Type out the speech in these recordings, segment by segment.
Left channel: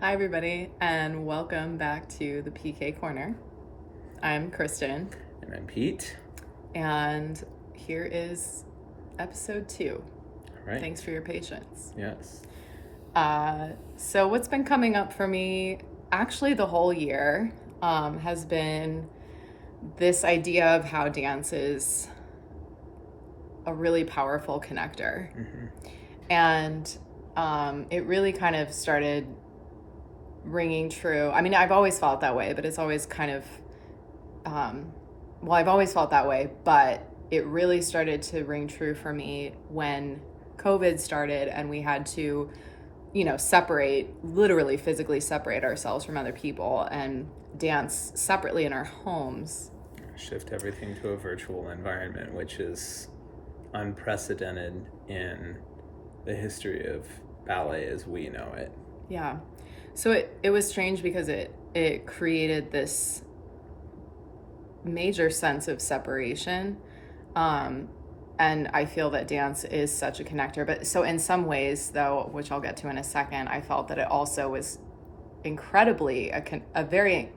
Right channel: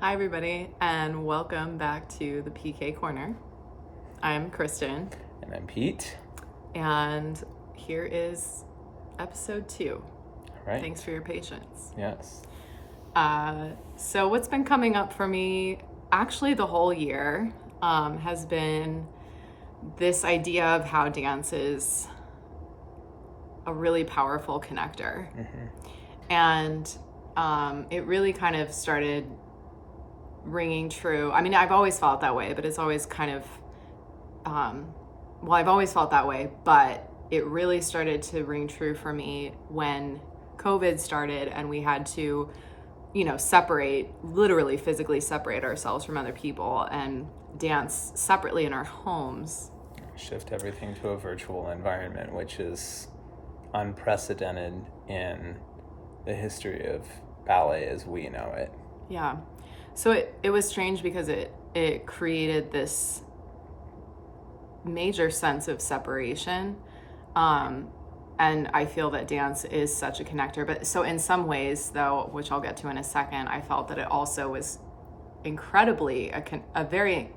Hi, everybody, and welcome back to the PK Corner. I'm Kristin. And I'm Pete. And here is episode 2. All right. Thanks for your patience. Yes. So what's been coming up for me, actually the whole year, has been this idea of how dance is a really powerful connector. Mm-hmm. And it really kind of started ringing true. I mean, I've always felt that way, but it's always kind of, I've always felt that way, but it really started to ring true for me when COVID started and we had to, literally physically separate ourselves from other people and dance separately in our homes. Shift everything to a virtual environment, which is unprecedented in the history of ballet as we know it. Yeah. So it was strange because it created this major sense of separation. And I feel that dance is such a connector. But so in some ways, though, which I'll get to in a second, I felt that it also was incredibly a very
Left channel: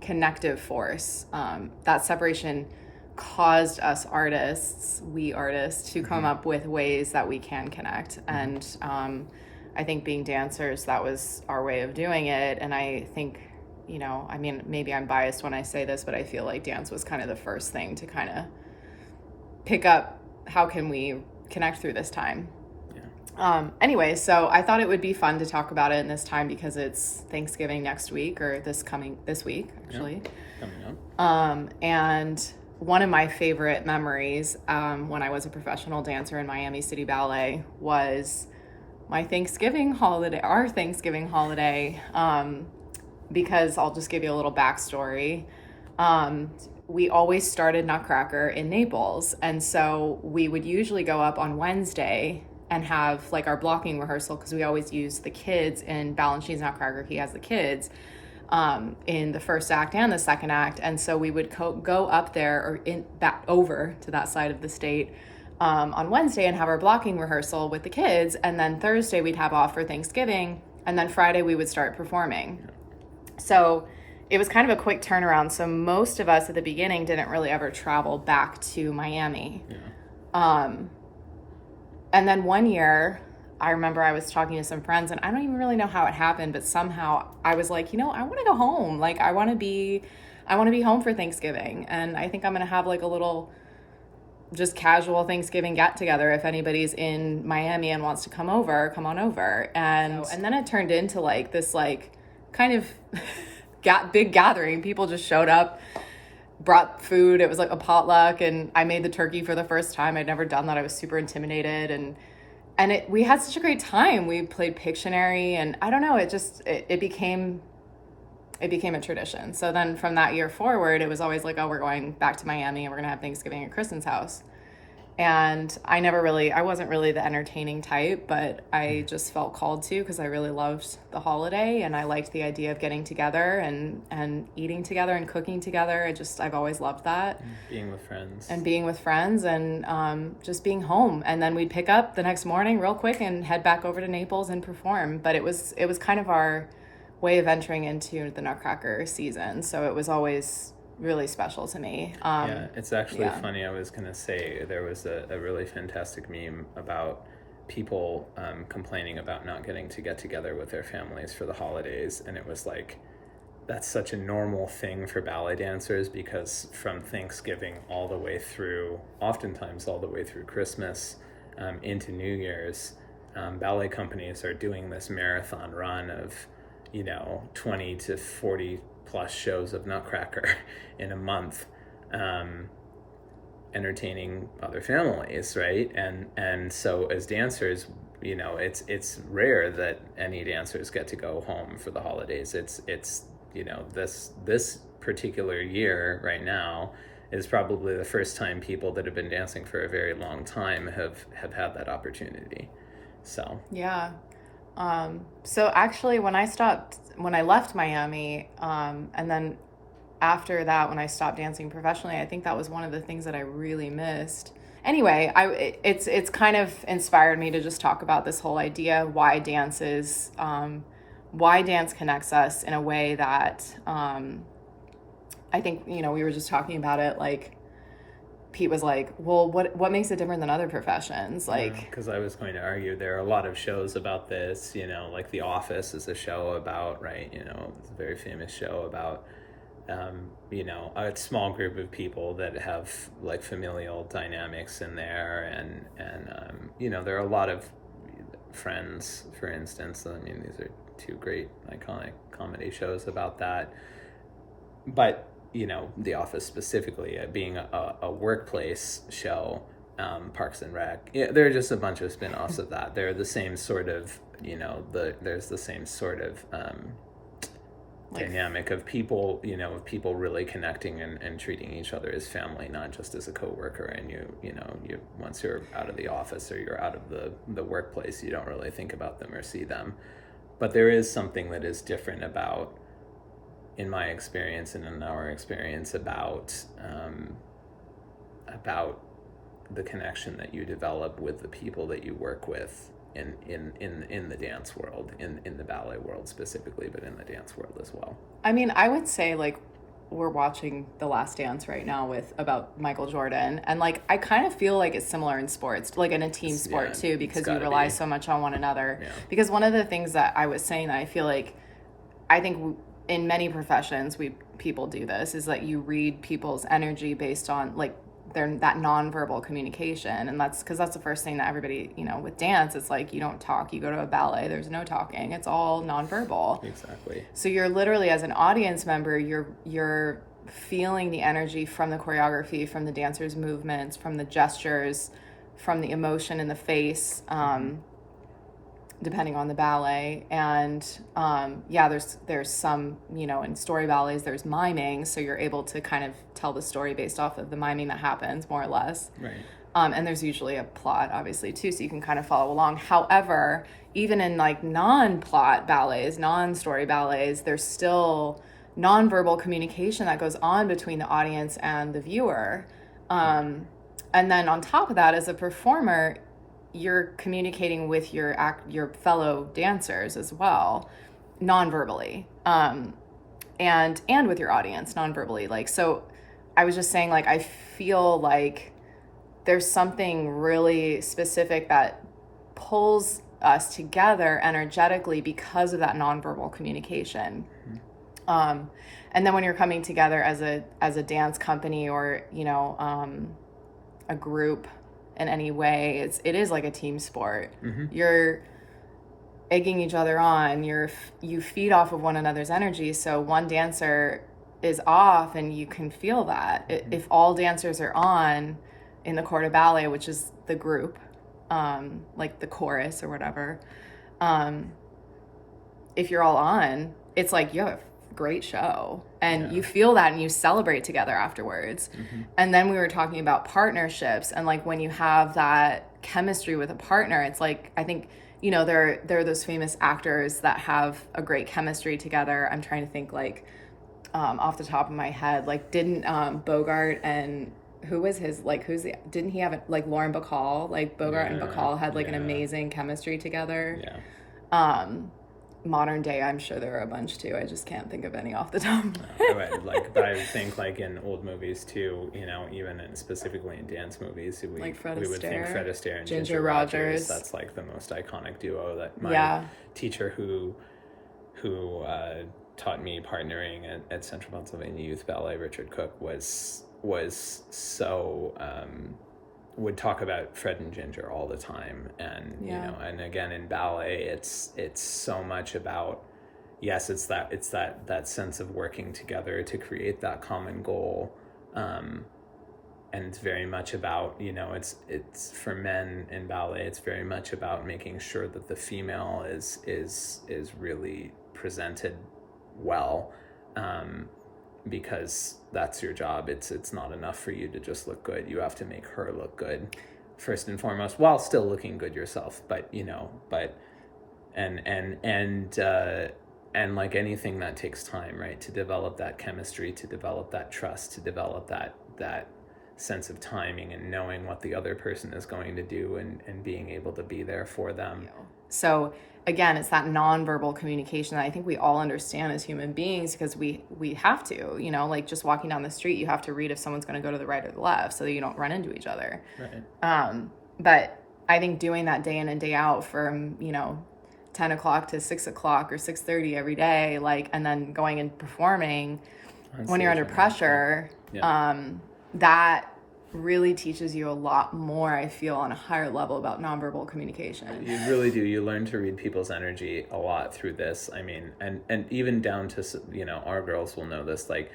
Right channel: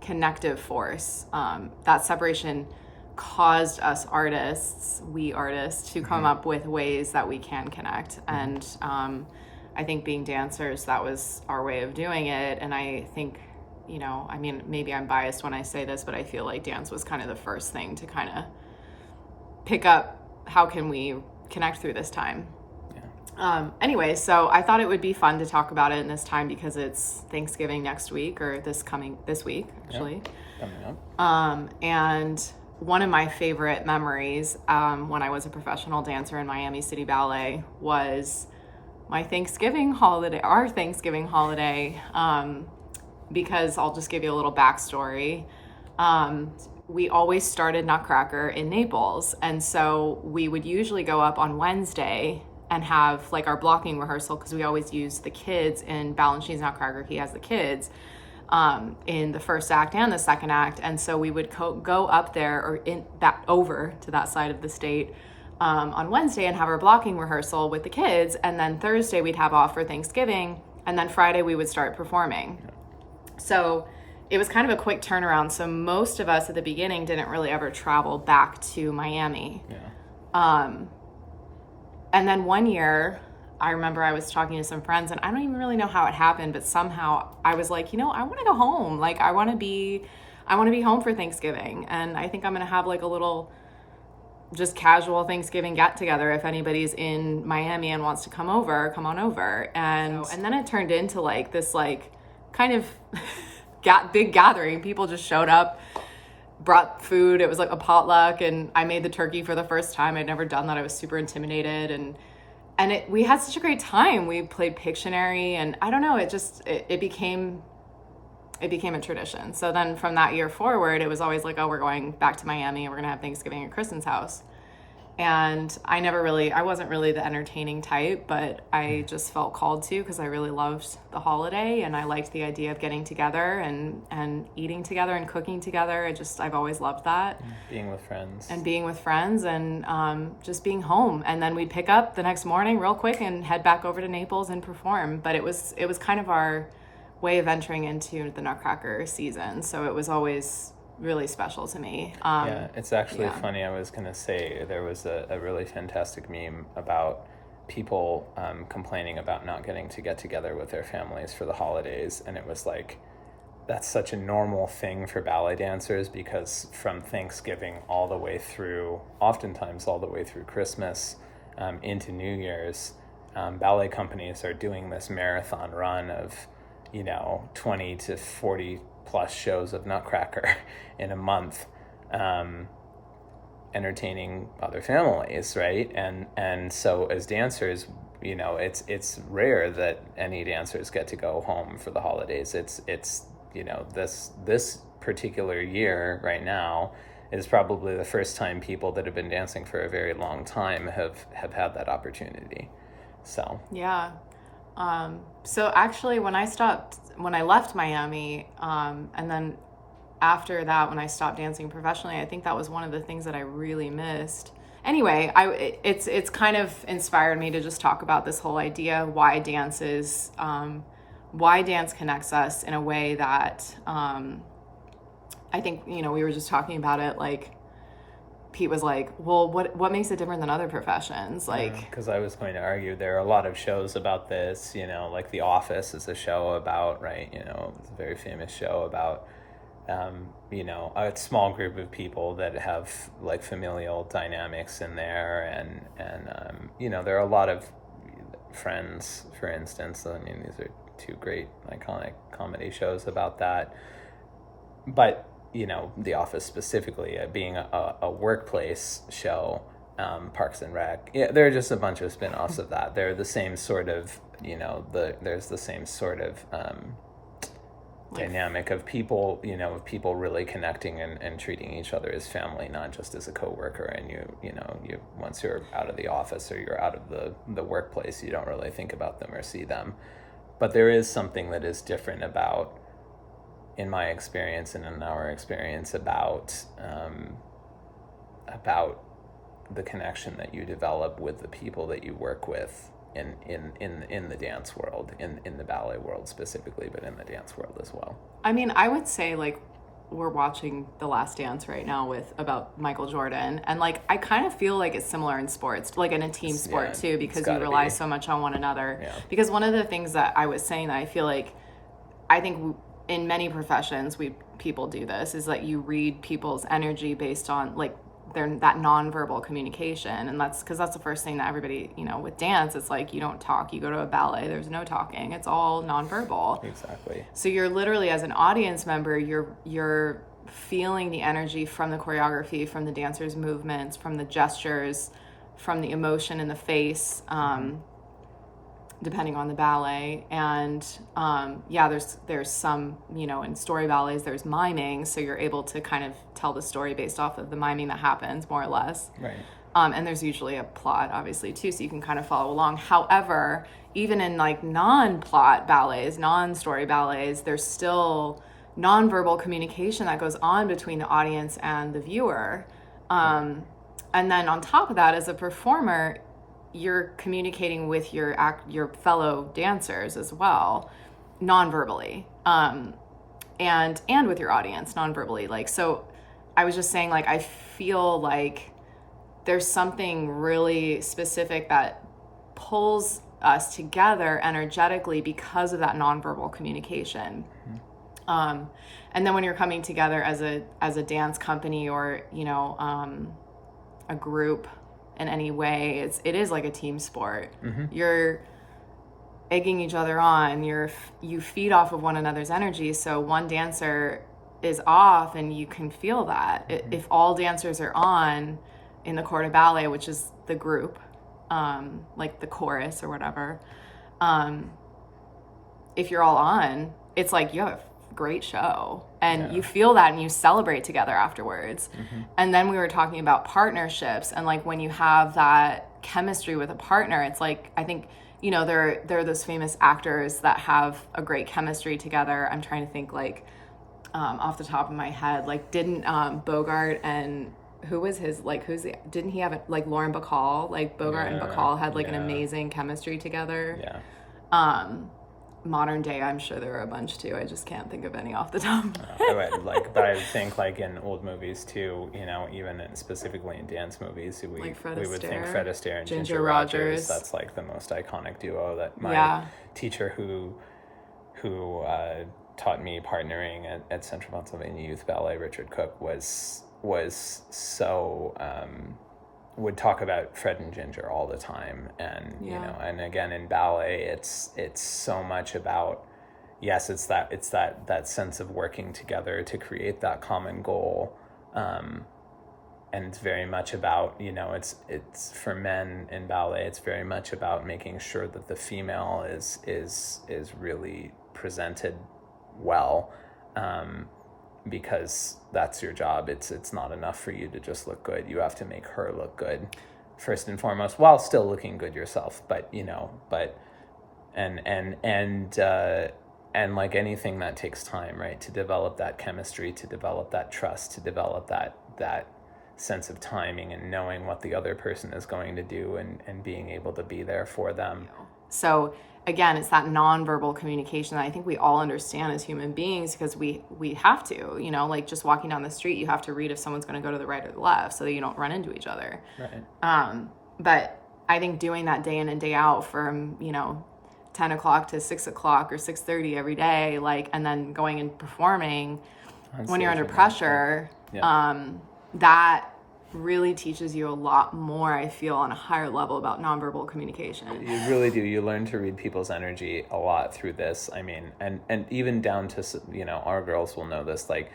connective force. That separation caused us artists, to come up with ways that we can connect. And I think being dancers, that was our way of doing it. And I think, maybe I'm biased when I say this, but I feel like dance was kind of the first thing to kind of pick up how can we connect through this time. Yeah. Anyway, so I thought it would be fun to talk about it in this time because it's Thanksgiving next week, or this week, actually. Yeah, coming up. And one of my favorite memories when I was a professional dancer in Miami City Ballet was our Thanksgiving holiday, because I'll just give you a little backstory. We always started Nutcracker in Naples, and so we would usually go up on Wednesday and have like our blocking rehearsal, because we always use the kids in Balanchine's Nutcracker. He has the kids in the first act and the second act, and so we would go up there or back over to that side of the state on Wednesday and have our blocking rehearsal with the kids, and then Thursday we'd have off for Thanksgiving, and then Friday we would start performing. So it was kind of a quick turnaround. So most of us at the beginning didn't really ever travel back to Miami. Yeah. And then one year, I remember I was talking to some friends, and I don't even really know how it happened, but somehow I was like, I want to go home. Like, I want to be home for Thanksgiving. And I think I'm going to have like a little just casual Thanksgiving get together. If anybody's in Miami and wants to come on over. And then it turned into like this, like kind of big gathering. People just showed up, brought food. It was like a potluck, and I made the turkey for the first time. I'd never done that. I was super intimidated, and we had such a great time. We played Pictionary, and I don't know, it became a tradition. So then from that year forward, it was always like, oh, we're going back to Miami and we're gonna have Thanksgiving at Kristin's house. And I wasn't really the entertaining type, but I just felt called to, because I really loved the holiday and I liked the idea of getting together and eating together and cooking together. I've always loved that. Being with friends. And just being home. And then we'd pick up the next morning real quick and head back over to Naples and perform. But it was kind of our way of entering into the Nutcracker season. So it was always really special to me. Yeah, it's actually funny. I was going to say there was a really fantastic meme about people complaining about not getting to get together with their families for the holidays. And it was like, that's such a normal thing for ballet dancers, because from Thanksgiving oftentimes all the way through Christmas into New Year's, ballet companies are doing this marathon run of 20 to 40 plus shows of Nutcracker in a month, entertaining other families, right? And so as dancers, it's rare that any dancers get to go home for the holidays. It's this particular year right now is probably the first time people that have been dancing for a very long time have had that opportunity. So yeah. So actually when I left Miami, and then after that, when I stopped dancing professionally, I think that was one of the things that I really missed. Anyway, it's kind of inspired me to just talk about this whole idea, why dance is why dance connects us in a way that I think, we were just talking about it, like Pete was like, well, what makes it different than other professions? Like, because I was going to argue there are a lot of shows about this, like The Office is a show about, right, it's a very famous show about, a small group of people that have like familial dynamics in there. And there are a lot of Friends, for instance. I mean, these are two great iconic comedy shows about that. But The Office specifically being a workplace show, Parks and Rec. Yeah, there are just a bunch of spin-offs of that. They're the same sort of, there's the same sort of dynamic of people, of people really connecting and treating each other as family, not just as a coworker. And you once you're out of the office or you're out of the workplace, you don't really think about them or see them. But there is something that is different about, in my experience and in our experience, about the connection that you develop with the people that you work with in the dance world, in the ballet world specifically, but in the dance world as well. I mean, I would say, like, we're watching The Last Dance right now about Michael Jordan, and like I kind of feel like it's similar in sports, like in a team sport too, because you rely so much on one another. Yeah. Because one of the things that I was saying that I feel like, I think in many professions people do this, is that you read people's energy based on like that nonverbal communication. And that's because that's the first thing that everybody, with dance, it's like you don't talk. You go to a ballet, there's no talking. It's all nonverbal. Exactly. So you're literally, as an audience member, you're feeling the energy from the choreography, from the dancers' movements, from the gestures, from the emotion in the face, depending on the ballet. And there's some, in story ballets, there's miming, so you're able to kind of tell the story based off of the miming that happens, more or less. Right. And there's usually a plot, obviously, too, so you can kind of follow along. However, even in like non-plot ballets, non-story ballets, there's still nonverbal communication that goes on between the audience and the viewer. And then on top of that, as a performer, you're communicating with your fellow dancers as well, non-verbally, and with your audience non-verbally. Like, so I was just saying, like, I feel like there's something really specific that pulls us together energetically because of that nonverbal communication. Mm-hmm. And then when you're coming together as a dance company or a group in any way, it is like a team sport. Mm-hmm. You're egging each other on. You feed off of one another's energy. So one dancer is off, and you can feel that. Mm-hmm. If all dancers are on in the corps de ballet, which is the group, like the chorus or whatever, if you're all on, it's like you have a great show, and you feel that, and you celebrate together afterwards. Mm-hmm. And then we were talking about partnerships, and like when you have that chemistry with a partner, it's like, I think, there are those famous actors that have a great chemistry together. I'm trying to think, like, off the top of my head, like, didn't Bogart and didn't he have like Lauren Bacall, like Bogart and Bacall had like an amazing chemistry together. Modern day, I'm sure there are a bunch too. I just can't think of any off the top of my head. But I think like in old movies too, even specifically in dance movies, we would think Fred Astaire and Ginger Rogers. That's like the most iconic duo that my teacher who taught me partnering at Central Pennsylvania Youth Ballet, Richard Cook, was so would talk about Fred and Ginger all the time. And and again in ballet, it's so much about, yes, it's that sense of working together to create that common goal, and it's very much about, it's for men in ballet, it's very much about making sure that the female is really presented well, because that's your job. It's not enough for you to just look good. You have to make her look good first and foremost, while still looking good yourself. But and like anything, that takes time, right? To develop that chemistry, to develop that trust, to develop that sense of timing and knowing what the other person is going to do, and being able to be there for them. So again, it's that nonverbal communication that I think we all understand as human beings, because we have to, you know, like just walking down the street, you have to read if someone's going to go to the right or the left so that you don't run into each other. Right. But I think doing that day in and day out from, you know, 10 o'clock to 6 o'clock or 6:30 every day, like, and then going and performing when you're under pressure, that really teaches you a lot more, I feel, on a higher level about nonverbal communication. You really do. You learn to read people's energy a lot through this. I mean, and even down to, you know, our girls will know this, like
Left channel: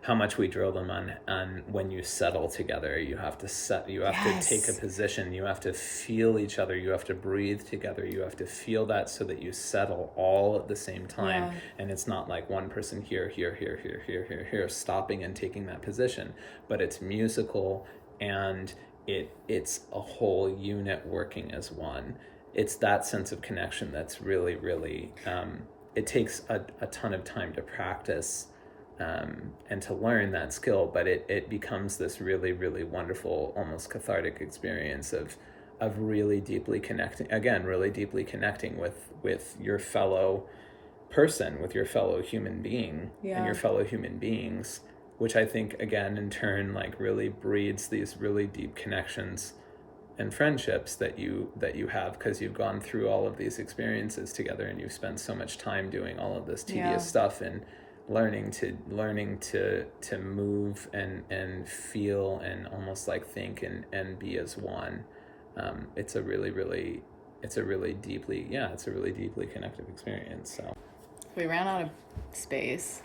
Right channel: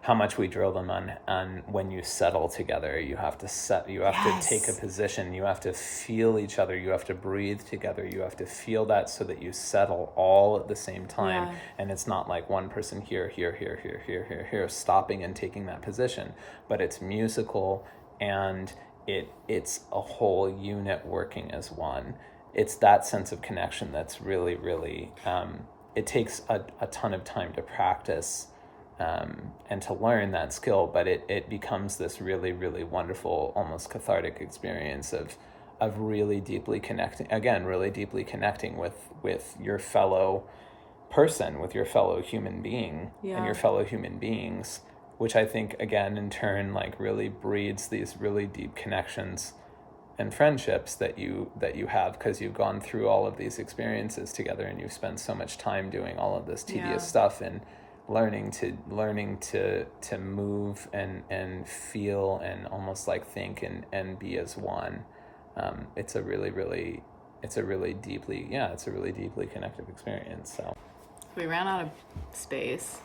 how much we drill them on when you settle together, you have to to take a position, you have to feel each other, you have to breathe together, you have to feel that so that you settle all at the same time. And it's not like one person here, stopping and taking that position, but it's musical, and it's a whole unit working as one. It's that sense of connection that's really, really, it takes a ton of time to practice and to learn that skill, but it becomes this really, really wonderful, almost cathartic experience of really deeply connecting with your fellow person, with your fellow human being, and your fellow human beings, which I think, again, in turn, like really breeds these really deep connections and friendships that you have, because you've gone through all of these experiences together, and you've spent so much time doing all of this tedious stuff, and learning to move and feel and almost like think and be as one. It's a really deeply connective experience. So we ran out of space.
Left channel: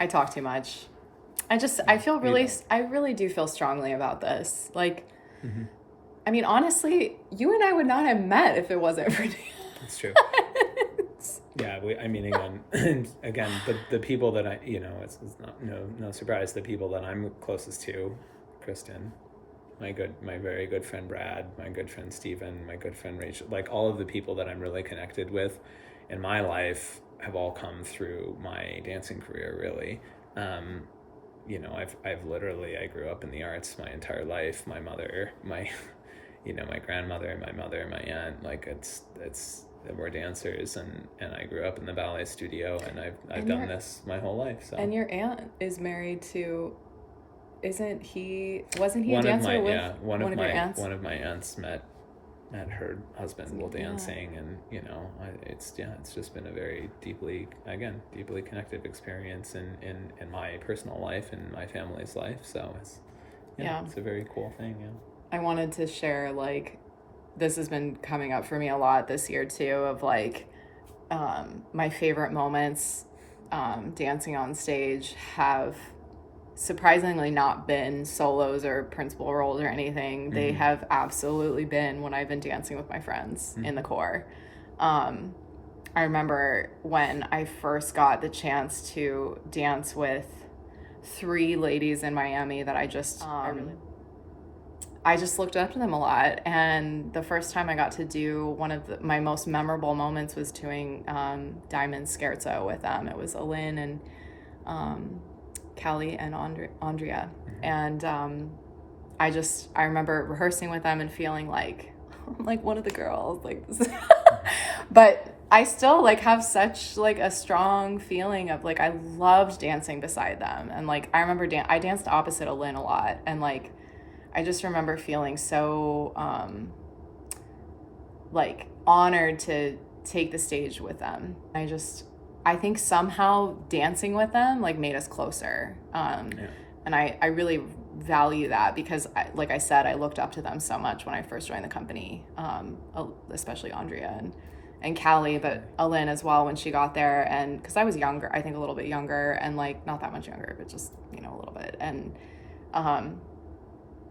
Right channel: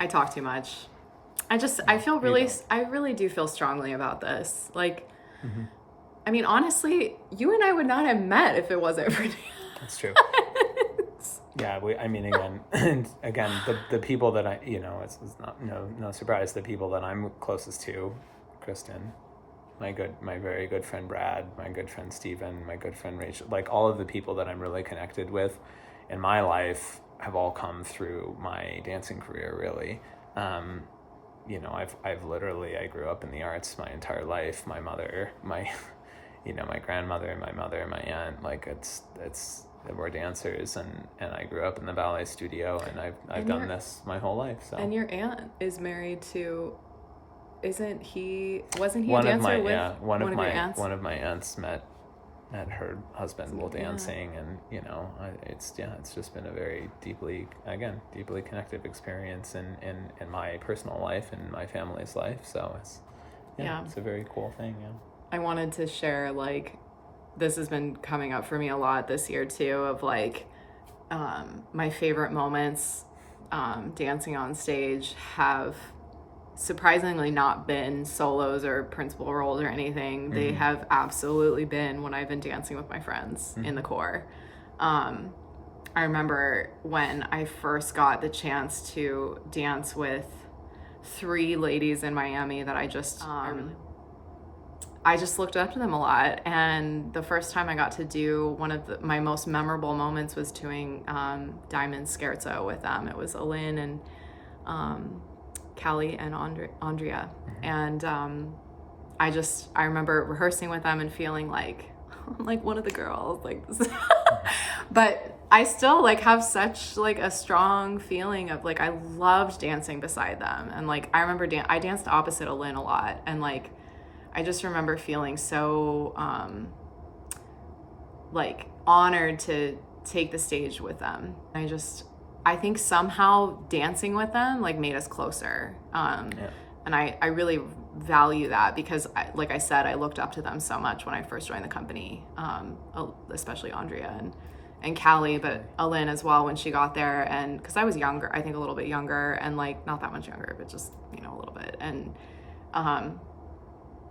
I talk too much. I really do feel strongly about this. Like, I mean, honestly, you and I would not have met if it wasn't for That's true. Yeah, again, the people that I, you know, it's not no surprise, the people that I'm closest to, Kristin, my very good friend Brad, my good friend Steven, my good friend Rachel, like all of the people that I'm really connected with in my life have all come through my dancing career, really. You know, I've literally, I grew up in the arts my entire life. My mother, my grandmother, my mother, my aunt, like we're dancers, and I grew up in the ballet studio, and I've done this my whole life. So. And your aunt is married to, wasn't he a dancer one of my aunts? One of my aunts met her husband while dancing, and you know, it's just been a very deeply connective experience in my personal life and my family's life. So it's a very cool thing. Yeah. I wanted to share, like, this has been coming up for me a lot this year too, of like my favorite moments dancing on stage have surprisingly not been solos or principal roles or anything. They have absolutely been when I've been dancing with my friends in the corps. I remember when I first got the chance to dance with 3 ladies in Miami that I just looked up to them a lot. And the first time I got to do one of my most memorable moments was doing Diamond Scherzo with them. It was Alin and Callie and Andrea. And I remember rehearsing with them and feeling like I'm like one of the girls, like this. But I still like have such like a strong feeling of like I loved dancing beside them. And like I remember I danced opposite Alin a lot, and like I just remember feeling so like honored to take the stage with them. I think somehow dancing with them like made us closer. And I really value that because like I said, I looked up to them so much when I first joined the company, especially Andrea and Callie, but Alin as well when she got there. And because I was younger, I think a little bit younger, and like not that much younger, but just, you know, a little bit. And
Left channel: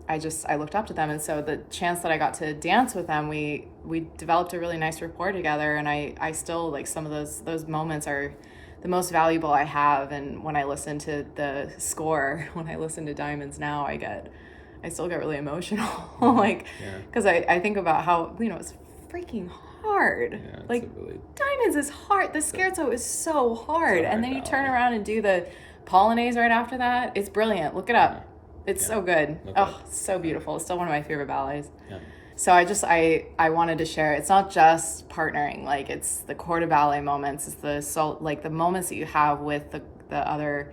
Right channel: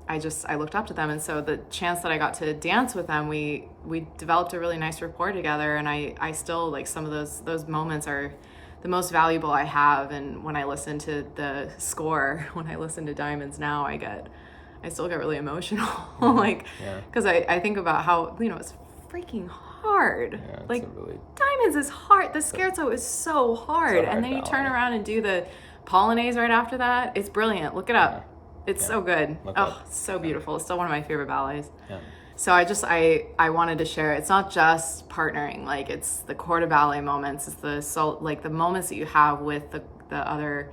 I looked up to them. And so the chance that I got to dance with them, we developed a really nice rapport together. And I still like some of those moments are the most valuable I have. And when I listen to the score, when I listen to Diamonds now, I still get really emotional. Cause I think about how, you know, it's freaking hard. Yeah, like Diamonds is hard. The Scherzo is so hard. And then you turn around and do the Polonaise right after that. It's brilliant. Look it up. It's so good. So beautiful. It's still one of my favorite ballets. Yeah. So I wanted to share, it's not just partnering, like it's the corps de ballet moments, it's the moments that you have with the other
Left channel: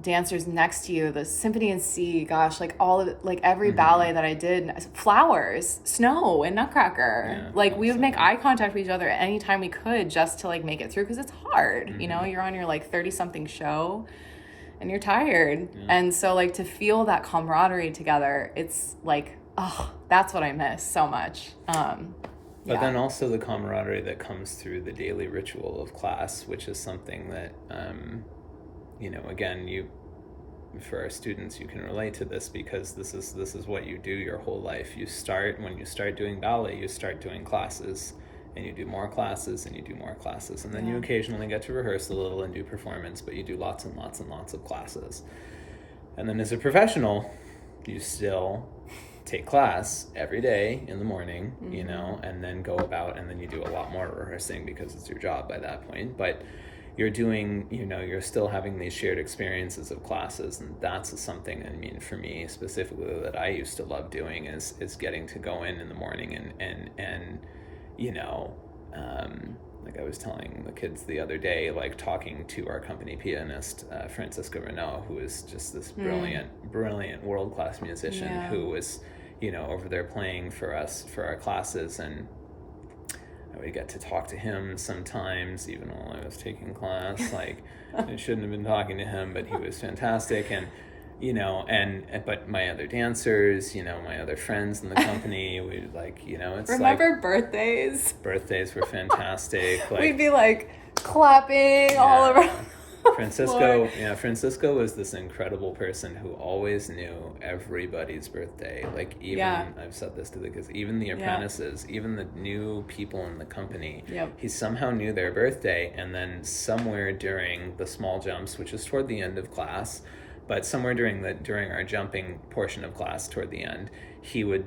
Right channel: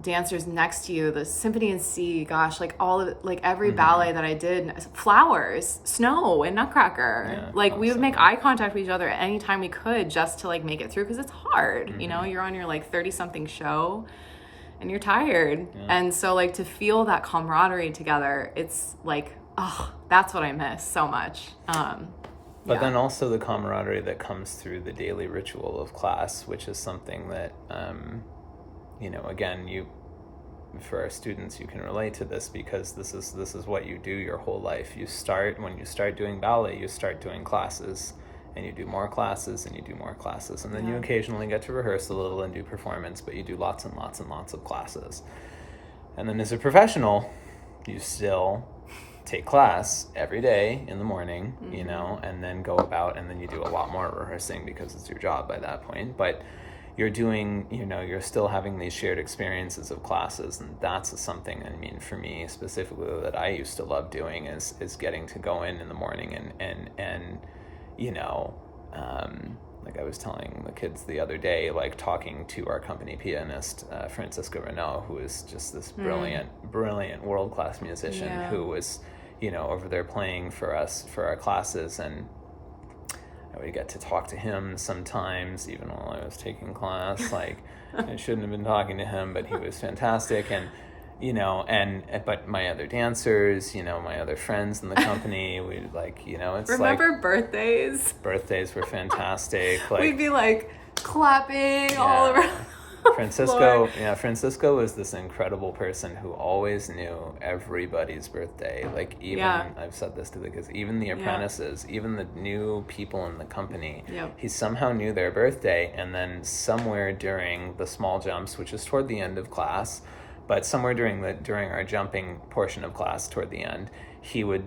dancers next to you, the symphony in C, gosh, like all of it, like every ballet that I did, flowers, snow, and Nutcracker, like we would make eye contact with each other anytime we could just to like make it through, because it's hard, you know, you're on your like 30 something show and you're tired, and so like to feel that camaraderie together, it's like, oh, that's what I miss so much. But then also the camaraderie that comes through the daily ritual of class, which is something that, you know, again, for our students, you can relate to this, because this is what you do your whole life. When you start doing ballet, you start doing classes, and you do more classes, and you do more classes, and then you occasionally get to rehearse a little and do performance, but you do lots and lots and lots of classes. And then as a professional, you still take class every day in the morning, you know, and then go about, and then you do a lot more rehearsing because it's your job by that point. But you're doing, you know, you're still having these shared experiences of classes, and that's something, I mean, for me specifically, that I used to love doing is getting to go in the morning and you know, like I was telling the kids the other day, like talking to our company pianist, Francisca Renault, who is just this brilliant world-class musician who was, you know, over there playing for us for our classes, and I would get to talk to him sometimes, even while I was taking class. Like, I shouldn't have been talking to him, but he was fantastic. And, you know, but my other dancers, you know, my other friends in the company, we like, you know, it's Remember like birthdays? Birthdays were fantastic. Like, we'd be like clapping all around. Francisco was this incredible person who always knew everybody's birthday. Like, even I've said this to the kids, even the apprentices, even the new people in the company, he somehow knew their birthday. And then somewhere during the small jumps, which was toward the end of class, but somewhere during our jumping portion of class toward the end, he would,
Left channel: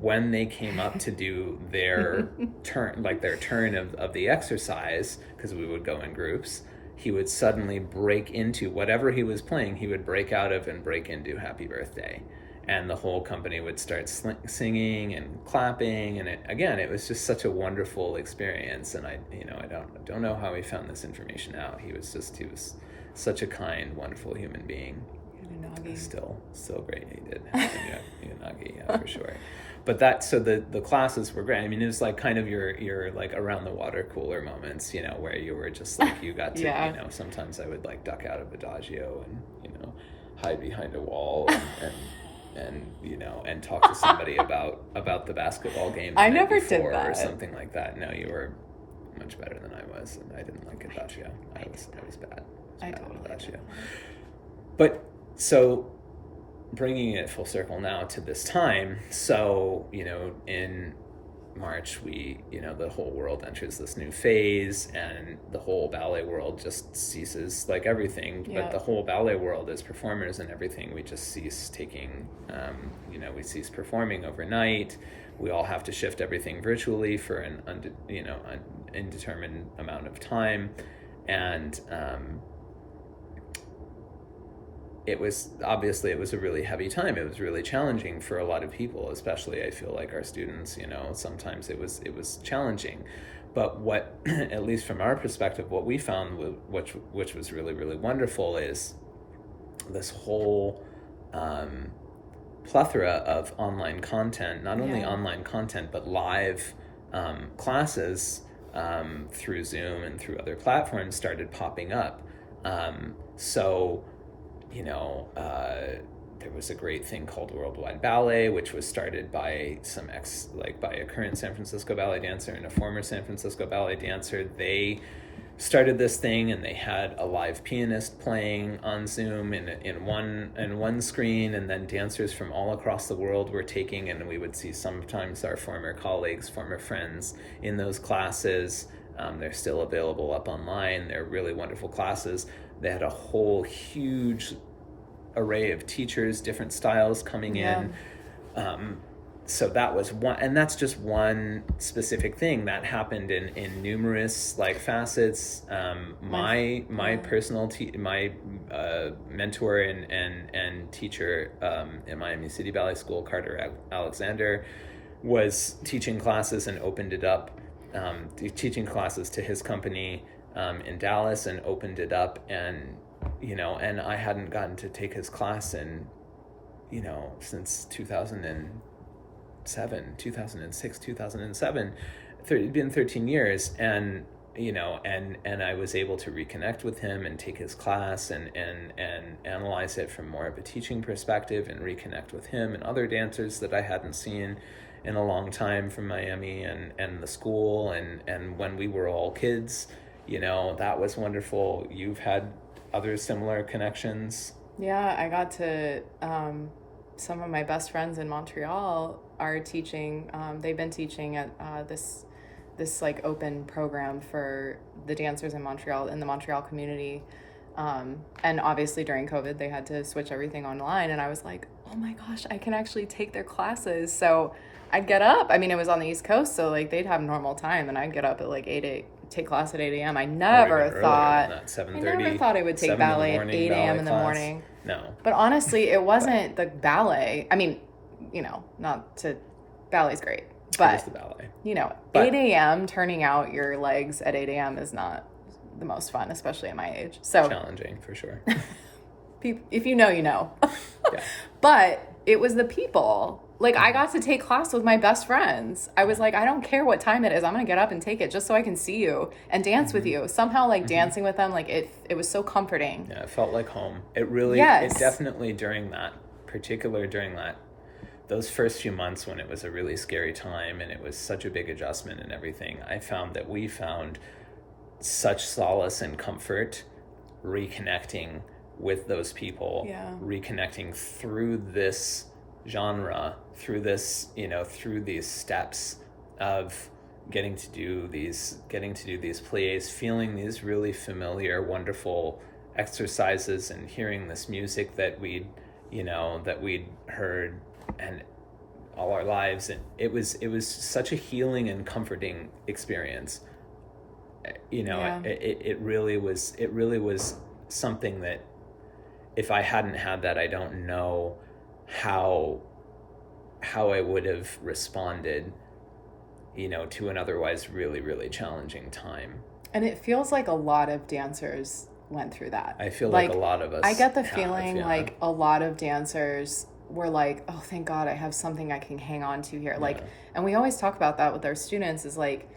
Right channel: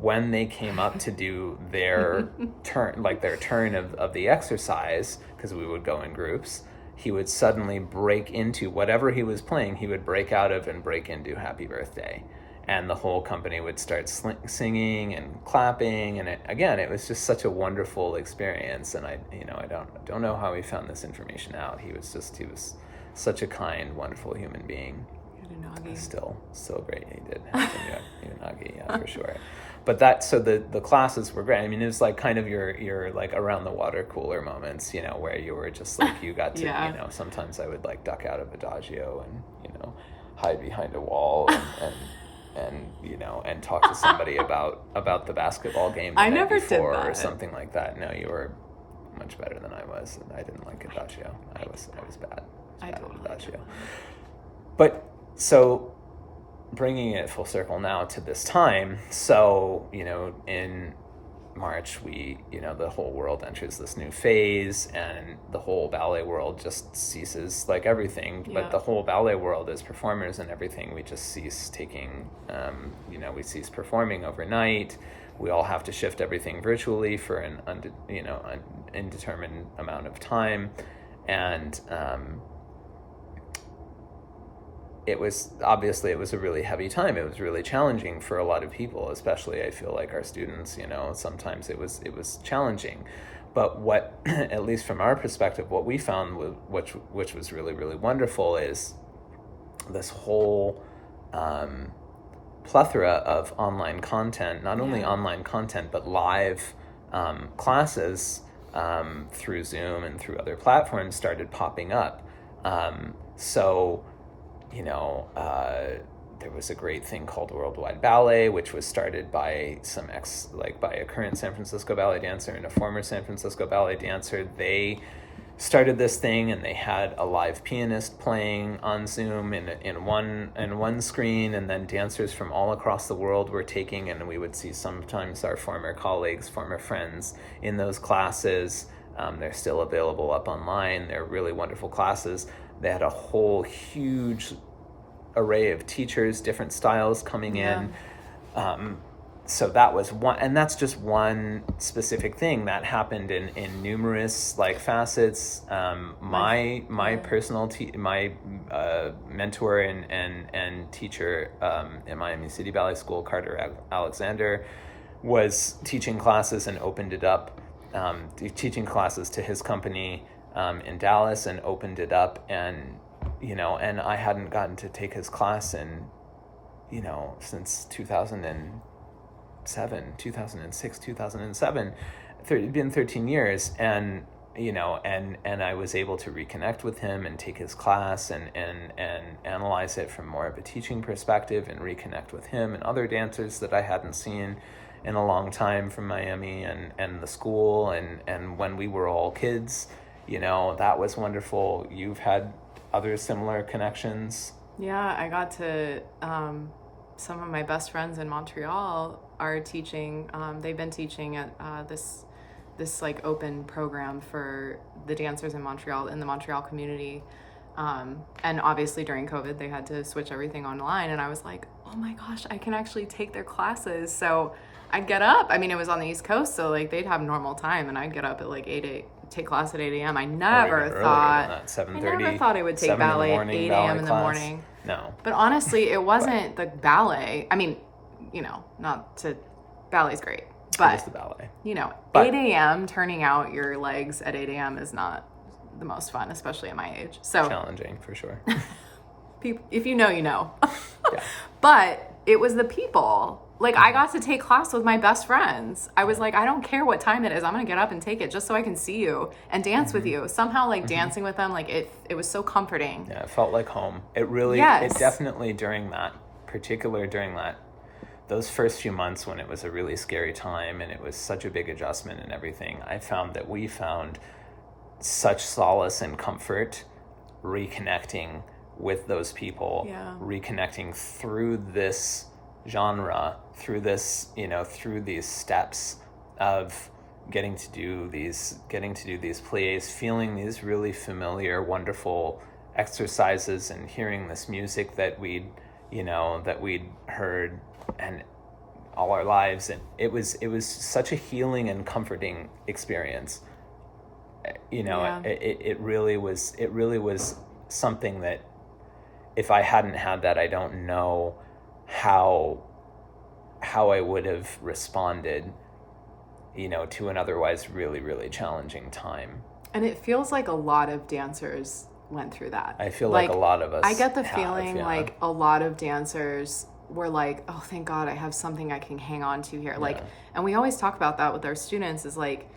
when they came up to do their turn, like their turn of the exercise, because we would go in groups, he would suddenly break into whatever he was playing, he would break out of and break into Happy Birthday. And the whole company would start singing and clapping. And it was just such a wonderful experience. And I don't know how he found this information out. He was such a kind, wonderful human being. Still great. He did. Unagi, yeah, for sure. But the classes were great. I mean, it was like kind of your like around the water cooler moments, you know, where you were just like, you got to, you know, sometimes I would like duck out of Adagio and, you know, hide behind a wall and you know, and talk to somebody about the basketball game the I night never before, did that, or something like that. No, you were much better than I was, and I didn't like Adagio. I was bad. I totally Adagio. But so, bringing it full circle now to this time, so, you know, in March, the whole world enters this new phase, and the whole ballet world just ceases, like everything, but the whole ballet world as performers and everything, we just cease taking, we cease performing overnight. We all have to shift everything virtually for an indeterminate amount of time, and it was a really heavy time. It was really challenging for a lot of people, especially I feel like our students, you know, sometimes it was challenging. But what, at least from our perspective, what we found, which was really, really wonderful, is this whole plethora of online content, not only online content, but live classes through Zoom and through other platforms started popping up. So, you know, there was a great thing called Worldwide Ballet, which was started by by a current San Francisco ballet dancer and a former San Francisco ballet dancer. They started this thing, and they had a live pianist playing on Zoom in one screen, and then dancers from all across the world were taking, and we would see sometimes our former colleagues, former friends in those classes. They're still available up online. They're really wonderful classes. They had a whole huge array of teachers, different styles coming in. So that was one, and that's just one specific thing that happened in numerous like facets. My personal my mentor and teacher in Miami City Ballet School, Carter Alexander, was teaching classes and opened it up, teaching classes to his company in Dallas, and opened it up, and and I hadn't gotten to take his class in since 2006, 2007. It'd been 13 years, and and I was able to reconnect with him and take his class and analyze it from more of a teaching perspective, and reconnect with him and other dancers that I hadn't seen in a long time from Miami and the school, and when we were all kids, that was wonderful. You've had other similar connections? Yeah, I got to, some of my best friends in Montreal are teaching, they've been teaching at this like open program for the dancers in Montreal, in the Montreal community. And obviously during COVID, they had to switch everything online. And I was like, oh my gosh, I can actually take their classes. So I'd get up. I mean, it was on the East Coast, so like they'd have normal time, and I'd get up at like take class at 8 a.m. I never thought I would take ballet at 8 a.m. in the morning. No. But honestly, it wasn't the ballet. I mean, ballet's great. But, it is the ballet. 8 a.m. turning out your legs at 8 a.m. is not the most fun, especially at my age. So challenging for sure. If you know, you know. Yeah. But it was the people. Like, I got to take class with my best friends. I was like, I don't care what time it is. I'm going to get up and take it just so I can see you and dance with you. Somehow, like, dancing with them, like, it was so comforting. Yeah, it felt like home. It really, yes. It definitely during those first few months when it was a really scary time and it was such a big adjustment and everything, I found that we found such solace and comfort reconnecting with those people, reconnecting through this genre, through this, through these steps of getting to do these pliés, feeling these really familiar, wonderful exercises, and hearing this music that we'd heard and all our lives, and it was such a healing and comforting experience. It really was something that if I hadn't had that, I don't know how I would have responded, to an otherwise really, really challenging time. And it feels like a lot of dancers went through that. I feel like a lot of us I get the feeling like a lot of dancers were like, oh, thank God I have something I can hang on to here. Like, and we always talk about that with our students is like,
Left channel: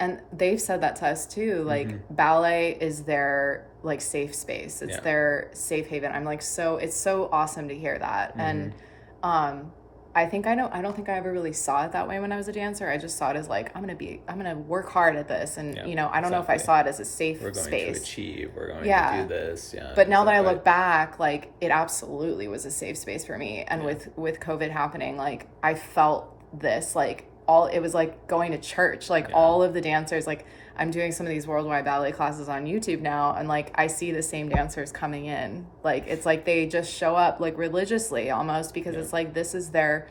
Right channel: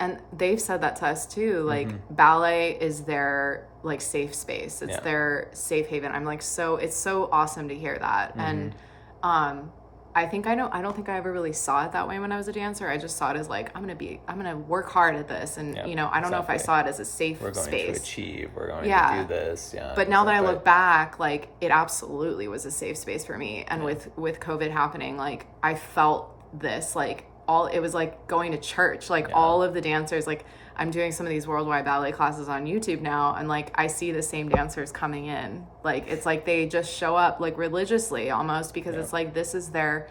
and they've said that to us too, like ballet is their like safe space. It's their safe haven. I'm like, it's so awesome to hear that. And I don't think I ever really saw it that way when I was a dancer. I just saw it as like, I'm going to work hard at this. And, I don't know if I saw it as a safe space. We're going to achieve. We're going to do this. Yeah. But now that I look back, like it absolutely was a safe space for me. And with COVID happening, like I felt this, like it was like going to church, like all of the dancers, like I'm doing some of these worldwide ballet classes on YouTube now, and like I see the same dancers coming in. Like it's like they just show up like religiously almost, because it's like this is their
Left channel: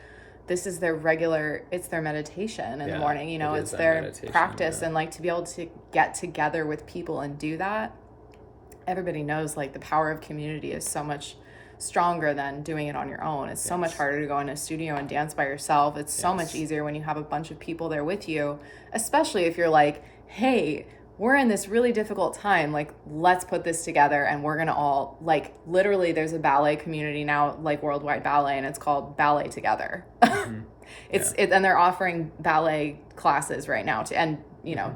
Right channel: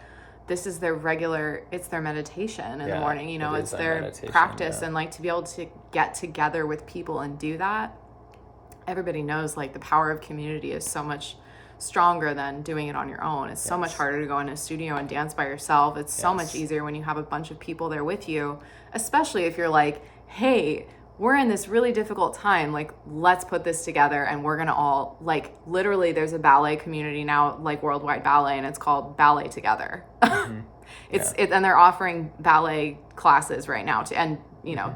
regular, it's their meditation in the morning, it's their practice. And like to be able to get together with people and do that, everybody knows like the power of community is so much stronger than doing it on your own. It's so much harder to go in a studio and dance by yourself. It's so much easier when you have a bunch of people there with you, especially if you're like, hey, we're in this really difficult time, like let's put this together and we're gonna all, like literally there's a ballet community now, like worldwide ballet, and it's called Ballet Together. And they're offering ballet classes right now to, and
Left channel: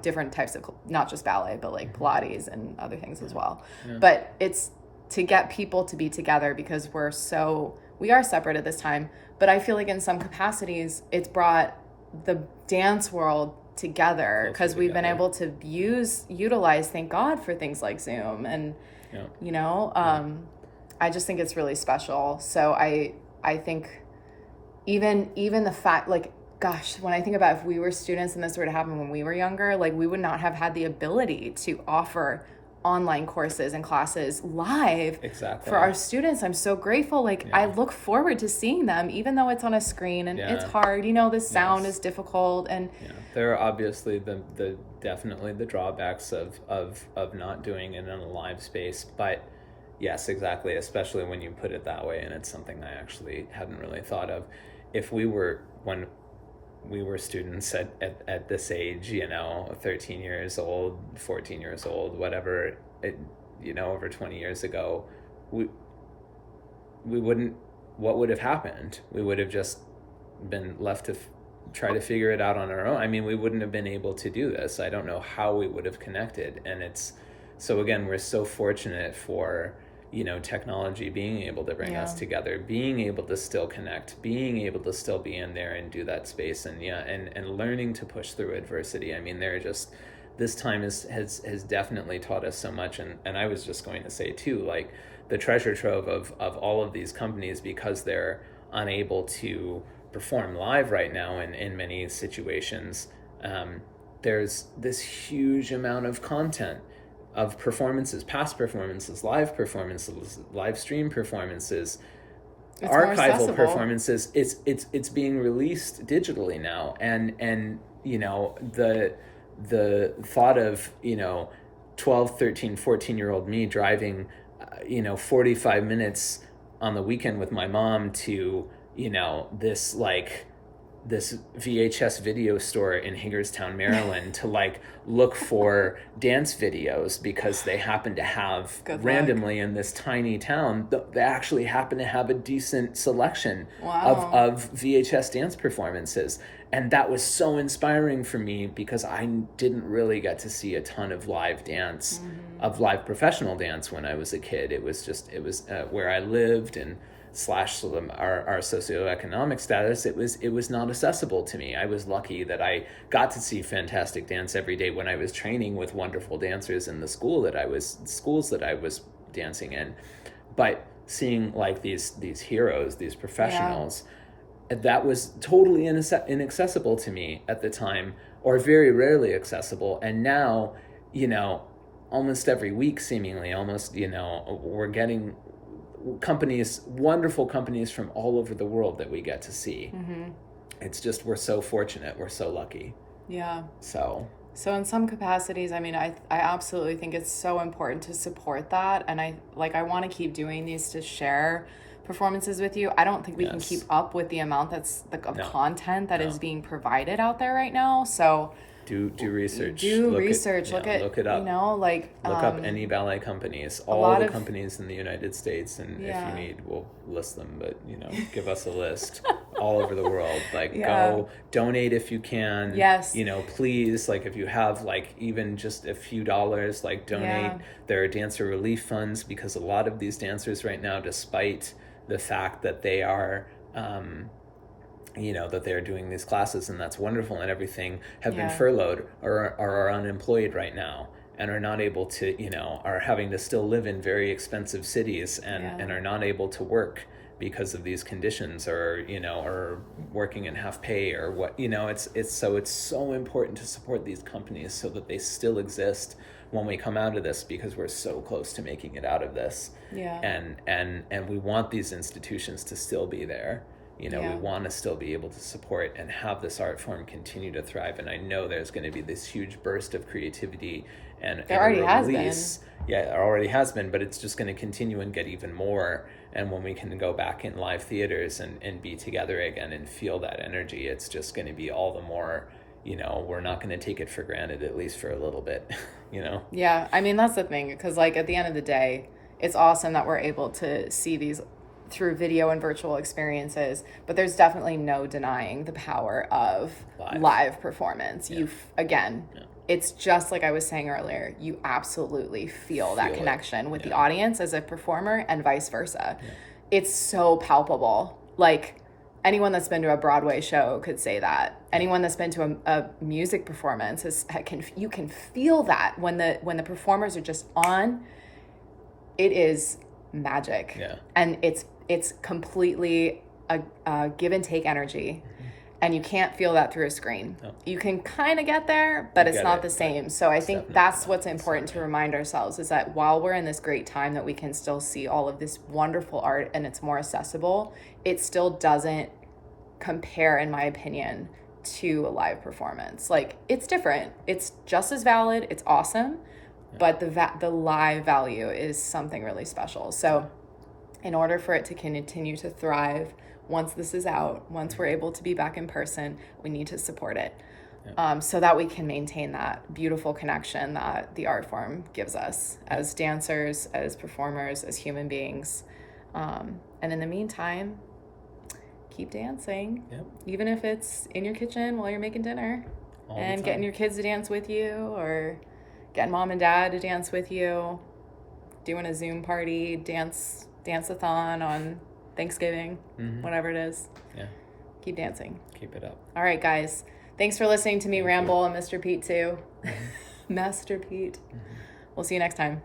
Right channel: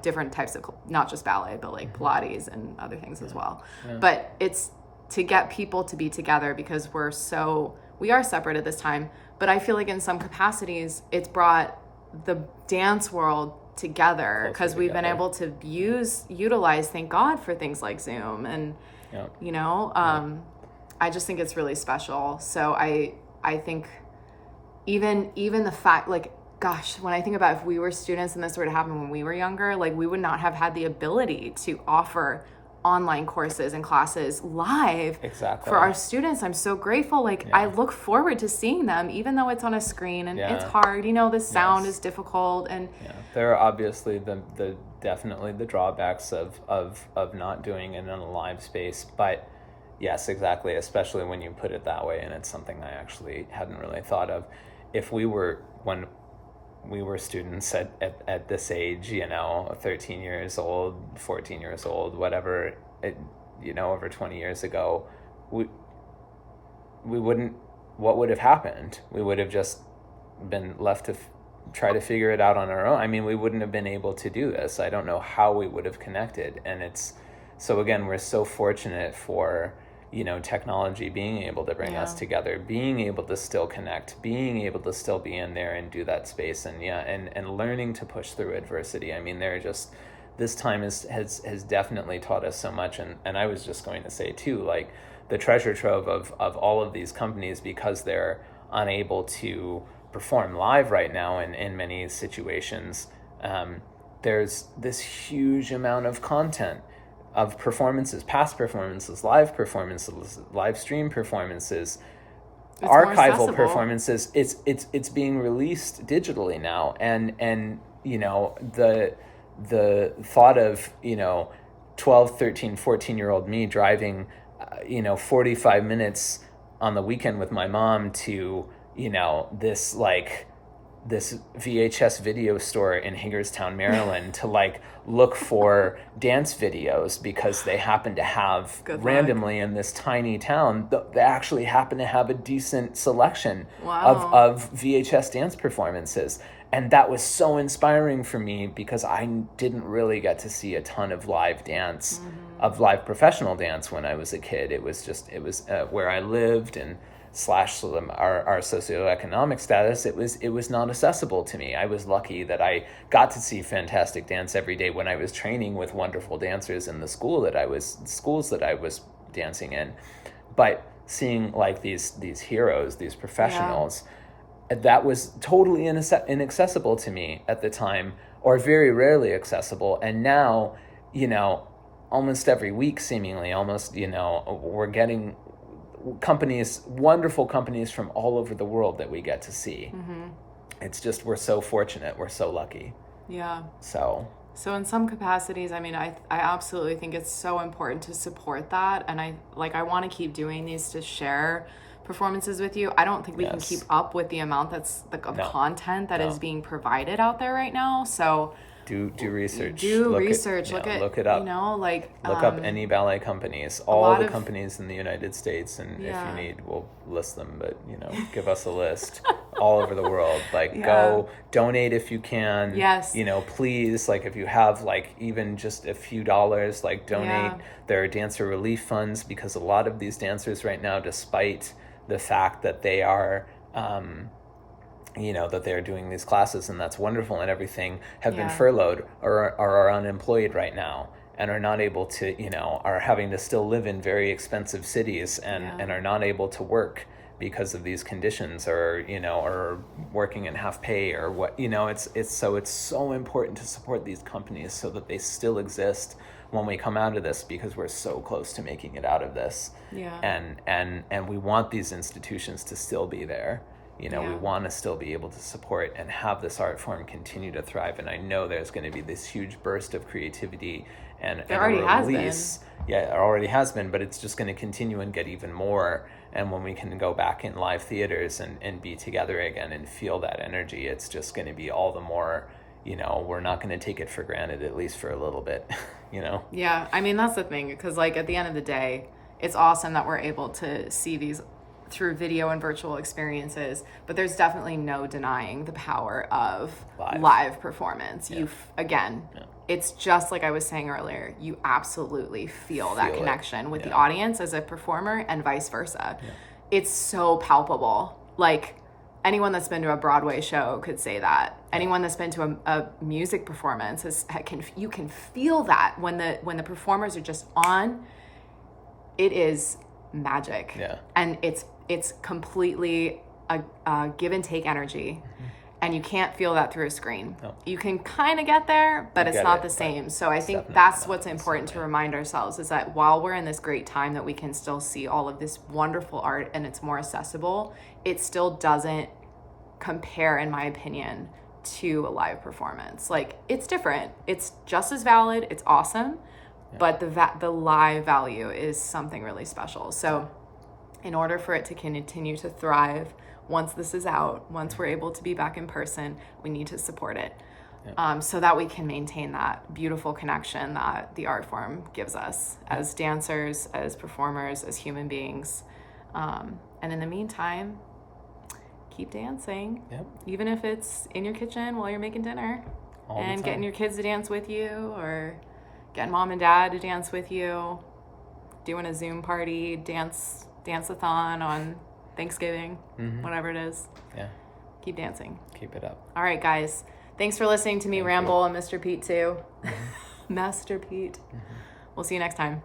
different types of, not just ballet, but like Pilates and other things as well. But it's to get people to be together, because we are separate at this time, but I feel like in some capacities it's brought the dance world together, because we've been able to utilize, thank God, for things like Zoom and I just think it's really special. So I think even the fact, like, gosh, when I think about if we were students and this were to happen when we were younger, like we would not have had the ability to offer online courses and classes live for our students. I'm so grateful. Like I look forward to seeing them, even though it's on a screen and it's hard, the sound is difficult. And there are obviously the definitely the drawbacks of not doing it in a live space, but yes, exactly, especially when you put it that way, and it's something I actually hadn't really thought of. If we were, when we were students at this age, 13 years old, 14 years old, whatever, over 20 years ago, we wouldn't, what would have happened? We would have just been left to try to figure it out on our own. I mean, we wouldn't have been able to do this. I don't know how we would have connected. And so again, we're so fortunate for, technology being able to bring us together, being able to still connect, being able to still be in there and do that space, and learning to push through adversity. I mean, this time has definitely taught us so much. And I was just going to say too, like, the treasure trove of all of these companies, because they're unable to perform live right now in many situations, there's this huge amount of content of performances, past performances, live stream performances, it's archival performances. It's being released digitally now, and the thought of 12, 13, 14-year-old me driving 45 minutes on the weekend with my mom to this VHS video store in Hagerstown, Maryland, to look for dance videos, because they happen to have randomly in this tiny town, they actually happen to have a decent selection of VHS dance performances. And that was so inspiring for me, because I didn't really get to see a ton of live dance, of live professional dance when I was a kid. It was where I lived, and / our socioeconomic status, it was not accessible to me. I was lucky that I got to see fantastic dance every day when I was training with wonderful dancers in the schools that I was dancing in. But seeing these heroes, these professionals, that was totally inaccessible to me at the time, or very rarely accessible. And now, almost every week, seemingly, we're getting wonderful companies from all over the world that we get to see. It's just, we're so fortunate, we're so lucky. So in some capacities, I mean, I absolutely think it's so important to support that, and I want to keep doing these to share performances with you. I don't think we can keep up with the amount of content that is being provided out there right now. So do research. Look it up. Look up any ballet companies, all the companies in the United States, and if you need, we'll list them. But give us a list all over the world. Go donate if you can. Yes. Please, if you have even just a few dollars, donate. Yeah. There are dancer relief funds, because a lot of these dancers right now, despite the fact that they are that they're doing these classes, and that's wonderful and everything, have been furloughed or are unemployed right now, and are not able to, are having to still live in very expensive cities, and are not able to work because of these conditions, or, or working in half pay, or what, it's so important to support these companies so that they still exist when we come out of this, because we're so close to making it out of this. And we want these institutions to still be there. We want to still be able to support and have this art form continue to thrive. And I know there's going to be this huge burst of creativity, and there already has been. Yeah, it already has been, but it's just going to continue and get even more. And when we can go back in live theaters and be together again and feel that energy, it's just going to be all the more, we're not going to take it for granted, at least for a little bit, Yeah, I mean, that's the thing, because at the end of the day, it's awesome that we're able to see these through video and virtual experiences, but there's definitely no denying the power of live performance. It's just like I was saying earlier, you absolutely feel that connection with the audience as a performer, and vice versa. It's so palpable. Anyone that's been to a Broadway show could say that. Anyone that's been to a music performance you can feel that when the performers are just on. It is magic, and it's completely a give and take energy, and you can't feel that through a screen. You can kind of get there, but it's not the same. So I think that's what's important to remind ourselves, is that while we're in this great time that we can still see all of this wonderful art and it's more accessible, it still doesn't compare, in my opinion, to a live performance. It's different. It's just as valid. It's awesome, but the live value is something really special. So in order for it to continue to thrive, once this is out, once we're able to be back in person, we need to support it. Yeah. So that we can maintain that beautiful connection that the art form gives us as dancers, as performers, as human beings. And in the meantime, keep dancing. Yep. Even if it's in your kitchen while you're making dinner. All the And time. getting your kids to dance with you, or getting mom and dad to dance with you, doing a Zoom party, dance-a-thon on Thanksgiving, whatever it is. Yeah. Keep dancing. Keep it up. All right, guys. Thanks for listening to me ramble and Mr. Pete too. Master Pete. We'll see you next time.